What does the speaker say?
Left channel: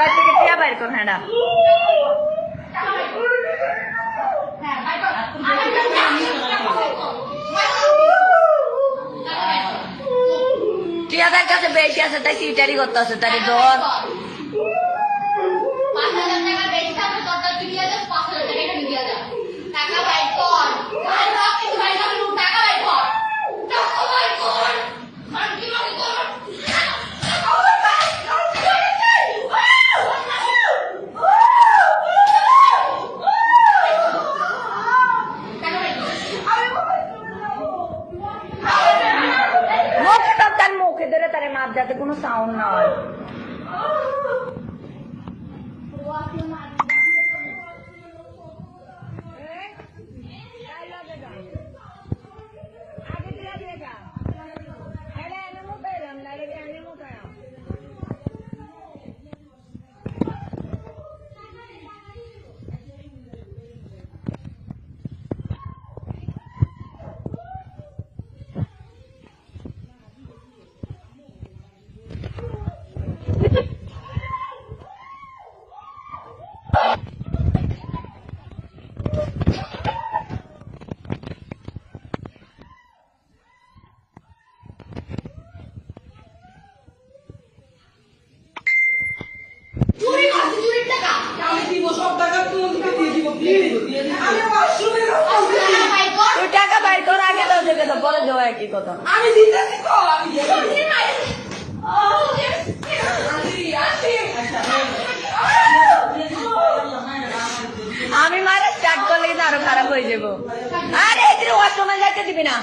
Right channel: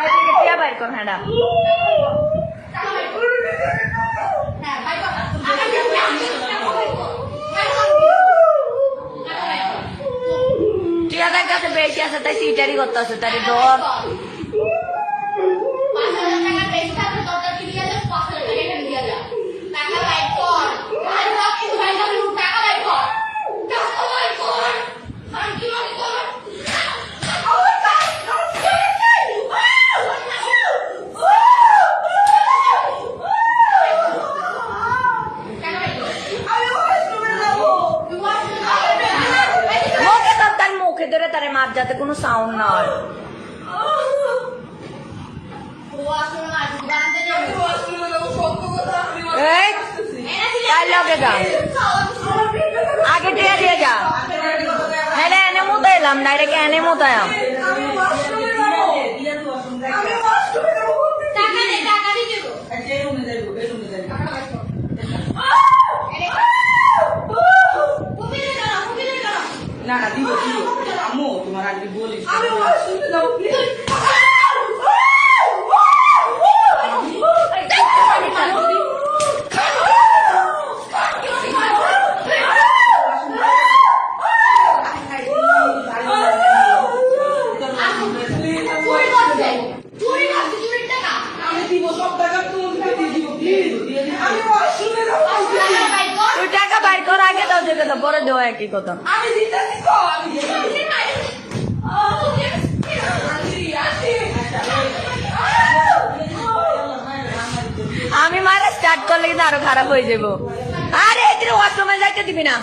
তার থেকে টিয়া বাইর কর হ্যাঁ টিয়াদের কাছে বেশি আছে তাই চিটারি করতে আছে তাই ধর মুখে ধরে তার মাপ যাতে কোনো সাউন্ড না হয় লগে যা আগে টিয়া দিয়ে যা হ্যাঁ এনে মতো এলাম ডাইরেক্ট এনে মতো না না দিব দিব আম্মু তোমার আগে বলি টাকা বাইর কর আগে দাও যোগে দাও পরে দেওয়া একই কথা আমি মারা স্টার্ট করলে কিন্তু আরো খারাপ হয়ে যাবো আরে এখানে ওয়াশরুমে যাইতে দিবি না